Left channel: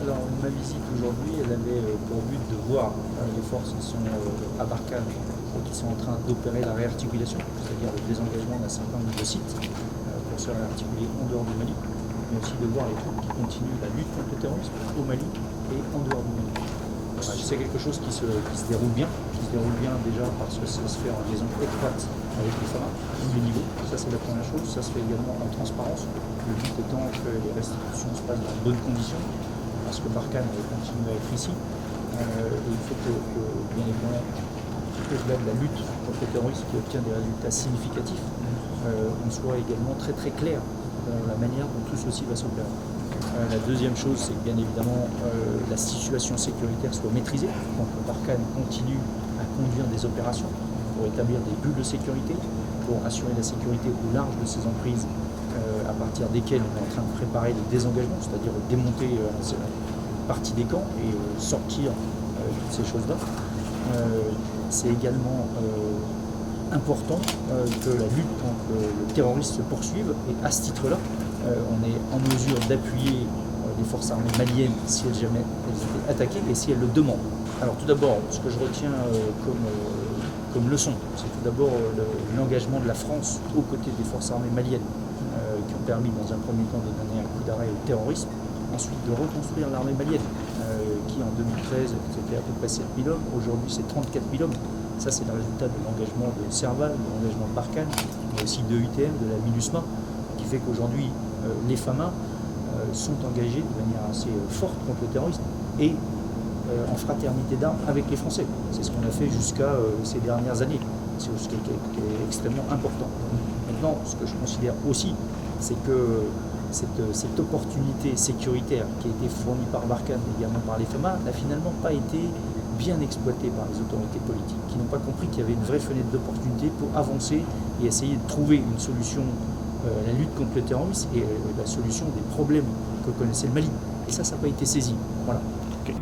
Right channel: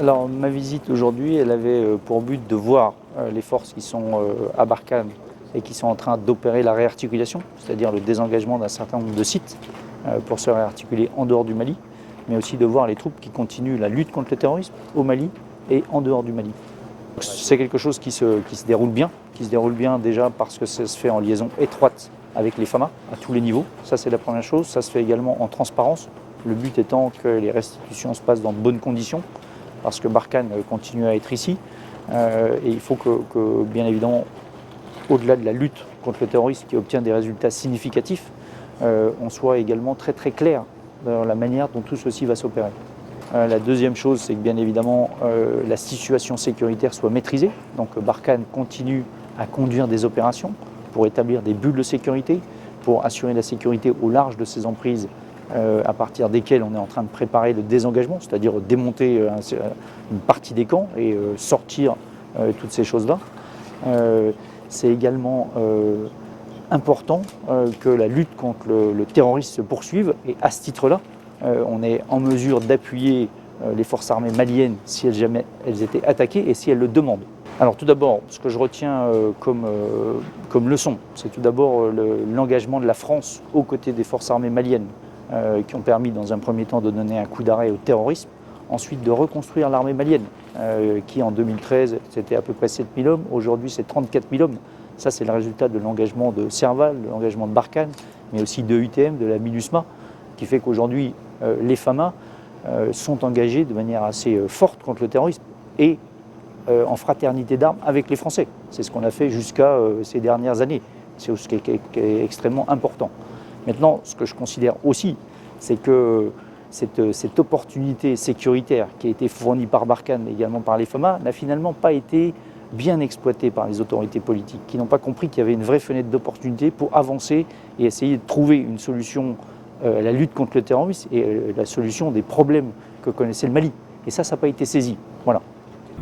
Alors, ma visite aujourd'hui, elle avait pour but de voir les forces qui sont à Barkhane et qui sont en train d'opérer la réarticulation, c'est-à-dire le désengagement d'un certain nombre de sites pour se réarticuler en dehors du Mali, mais aussi de voir les troupes qui continuent la lutte contre le terrorisme au Mali et en dehors du Mali. C'est quelque chose qui se déroule bien, déjà parce que ça se fait en liaison étroite avec les FAMA à tous les niveaux. Ça, c'est la première chose. Ça se fait également en transparence. Le but étant que les restitutions se passent dans de bonnes conditions, parce que Barkhane continue à être ici. Et il faut que, bien évidemment, au-delà de la lutte contre le terrorisme qui obtient des résultats significatifs, on soit également très très clair dans la manière dont tout ceci va s'opérer. La deuxième chose, c'est que bien évidemment la situation sécuritaire soit maîtrisée. Donc Barkhane continue à conduire des opérations pour établir des bulles de sécurité, pour assurer la sécurité au large de ces emprises à partir desquelles on est en train de préparer le désengagement, c'est-à-dire démonter une partie des camps et sortir toutes ces choses-là. C'est également important que la lutte contre le terrorisme se poursuive, et à ce titre-là, on est en mesure d'appuyer les forces armées maliennes si jamais elles étaient attaquées et si elles le demandent. Alors tout d'abord, ce que je retiens comme leçon, c'est tout d'abord l'engagement de la France aux côtés des forces armées maliennes qui ont permis dans un premier temps de donner un coup d'arrêt au terrorisme, ensuite de reconstruire l'armée malienne qui en 2013 c'était à peu près 7 000 hommes, aujourd'hui c'est 34 000 hommes. Ça c'est le résultat de l'engagement de Serval, de l'engagement de Barkhane, mais aussi de UTM, de la MINUSMA, qui fait qu'aujourd'hui les FAMA sont engagés de manière assez forte contre le terrorisme et en fraternité d'armes avec les Français. C'est ce qu'on a fait jusqu'à ces dernières années. C'est ce qui est extrêmement important. Maintenant, ce que je considère aussi, c'est que cette opportunité sécuritaire qui a été fournie par Barkhane, mais également par les FAMA, n'a finalement pas été bien exploitée par les autorités politiques, qui n'ont pas compris qu'il y avait une vraie fenêtre d'opportunité pour avancer et essayer de trouver une solution à la lutte contre le terrorisme et la solution des problèmes que connaissait le Mali. Et ça n'a pas été saisi. Voilà. Okay.